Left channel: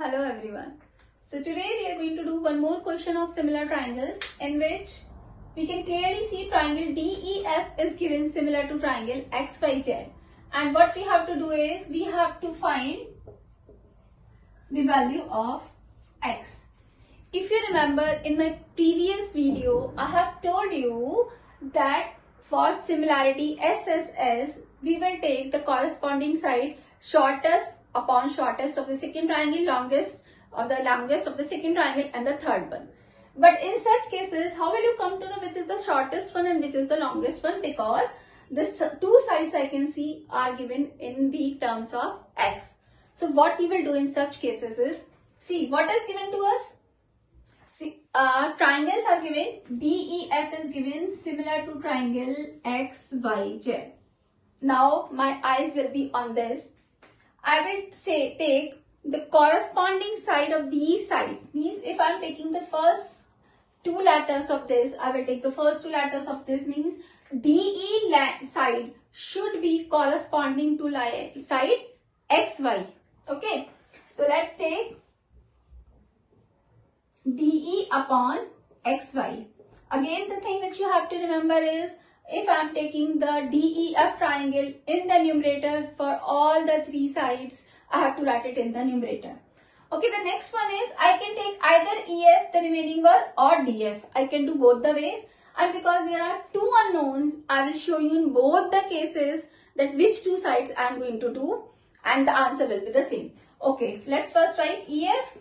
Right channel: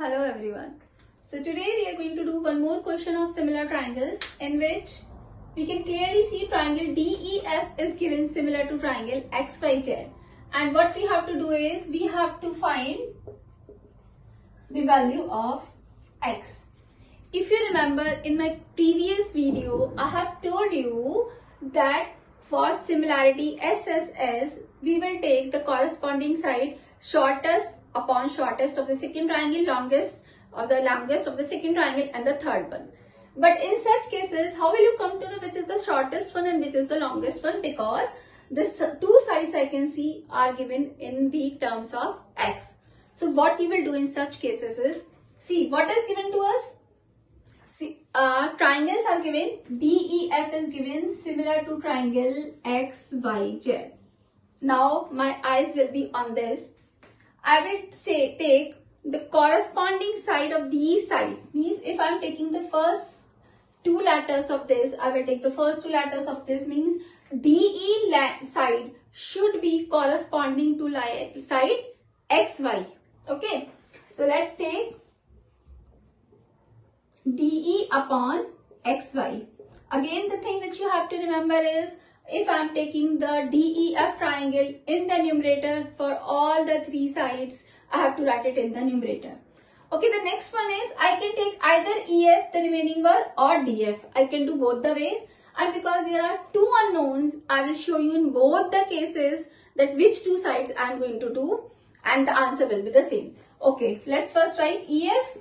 Hello everyone. So today we are going to do one more question of similar triangles in which we can clearly see triangle DEF is given similar to triangle XYZ, and what we have to do is we have to find the value of X. If you remember in my previous video I have told you that for similarity SSS we will take the corresponding side shortest upon shortest of the second triangle, longest of the second triangle, and the third one. But in such cases, how will you come to know which is the shortest one and which is the longest one? Because this two sides I can see are given in the terms of X. So what we will do in such cases is, see what is given to us. See, triangles are given, DEF is given similar to triangle XYZ. Now my eyes will be on this. I will say take the corresponding side of these sides. Means if I am taking the first two letters of this, I will take the first two letters of this. Means DE side should be corresponding to side XY. Okay. So let's take DE upon XY. Again, the thing which you have to remember is, if I am taking the DEF triangle in the numerator for all the three sides, I have to write it in the numerator. Okay, the next one is I can take either EF, the remaining one, or DF. I can do both the ways, and because there are two unknowns, I will show you in both the cases that which two sides I am going to do, and the answer will be the same. Okay, let's first write EF.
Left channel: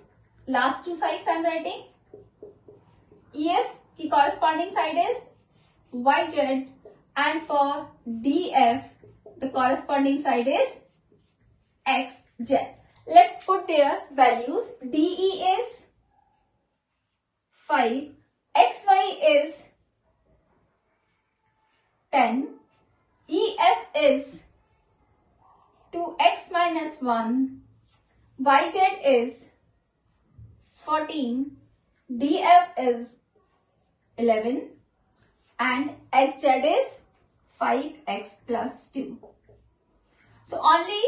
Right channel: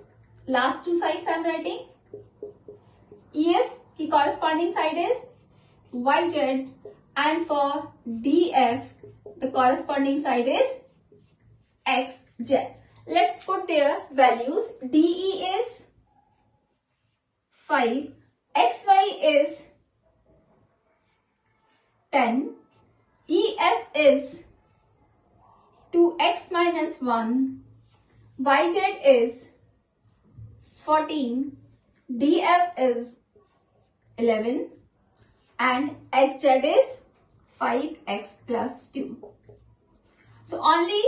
Last two sides I am writing. EF, the corresponding side is YZ, and for DF the corresponding side is XZ. Let's put their values. DE is 5, XY is 10, EF is 2x minus 1, YZ is 14, DF is 11, and XZ is 5x plus 2. So only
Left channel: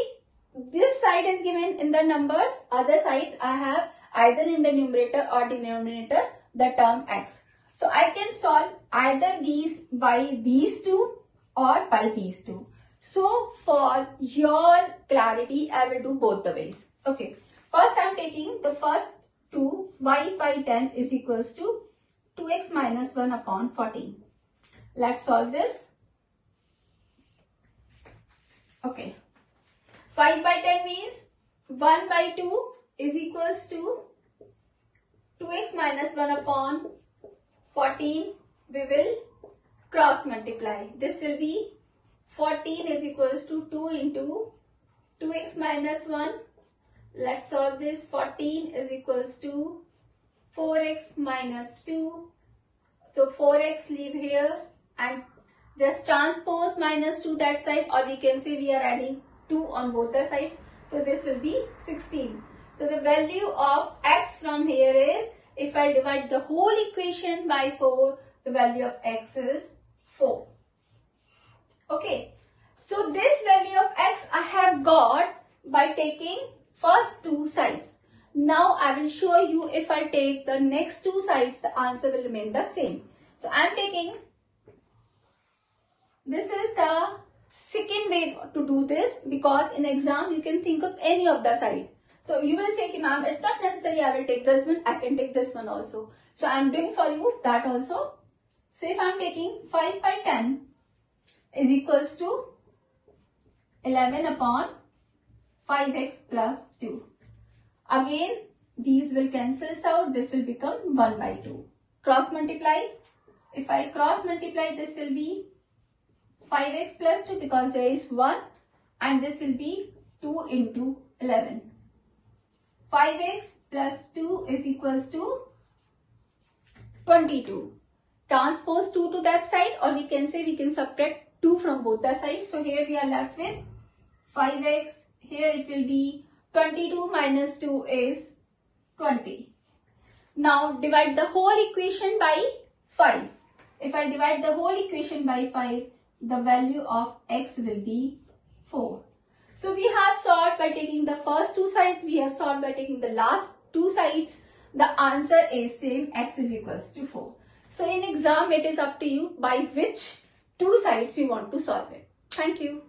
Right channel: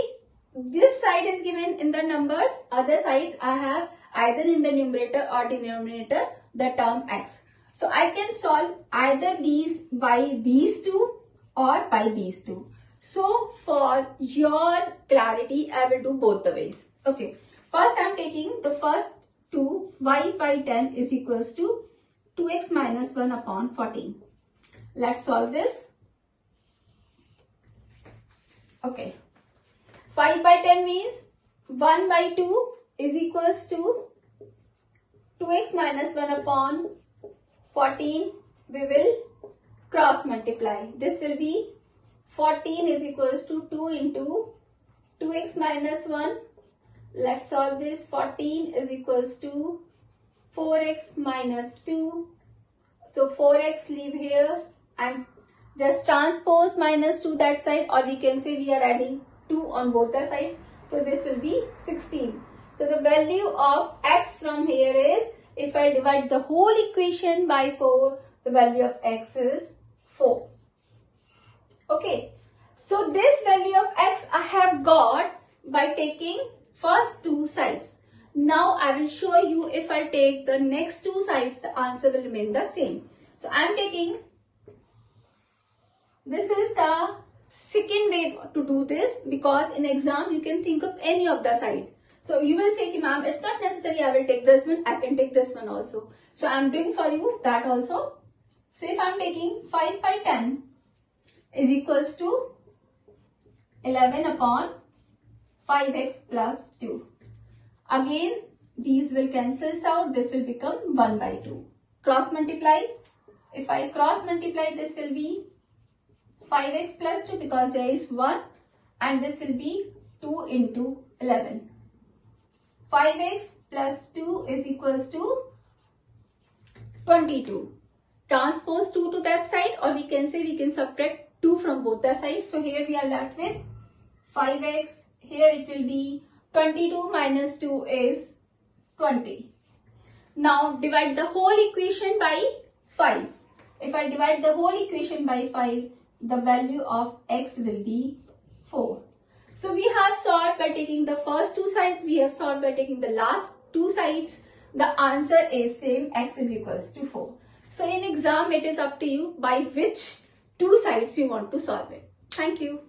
this side is given in the numbers, other sides I have either in the numerator or denominator the term x. So I can solve either these by these two or by these two. So for your clarity, I will do both the ways. Okay, first I am taking the first two. Y by 10 is equals to 2x minus 1 upon 14. Let's solve this. Okay. 5 by 10 means 1 by 2 is equals to 2x minus 1 upon 14. We will cross multiply. This will be 14 is equals to 2 into 2x minus 1. Let's solve this. 14 is equals to 4x minus 2. So 4x leave here and just transpose minus 2 that side, or we can say we are adding 2 on both the sides. So this will be 16. So the value of x from here is, if I divide the whole equation by 4, the value of x is 4. Okay. So this value of x I have got by taking first two sides. Now I will show you if I take the next two sides, the answer will remain the same. So I am taking, this is the second way to do this, because in exam you can think of any of the side. So you will say, ma'am, it's not necessary I will take this one, I can take this one also. So I am doing for you that also. So if I am taking 5 by 10 is equals to 11 upon 5x plus 2. Again, these will cancel out. This will become 1 by 2. Cross multiply. If I cross multiply, this will be 5x plus 2 because there is 1, and this will be 2 into 11. 5x plus 2 is equals to 22. Transpose 2 to that side, or we can say we can subtract 2 from both the sides. So here we are left with 5x. Here it will be 22 minus 2 is 20. Now divide the whole equation by 5. If I divide the whole equation by 5, the value of x will be 4. So we have solved by taking the first two sides. We have solved by taking the last two sides. The answer is same, x is equals to 4. So in exam, it is up to you by which two sides you want to solve it. Thank you.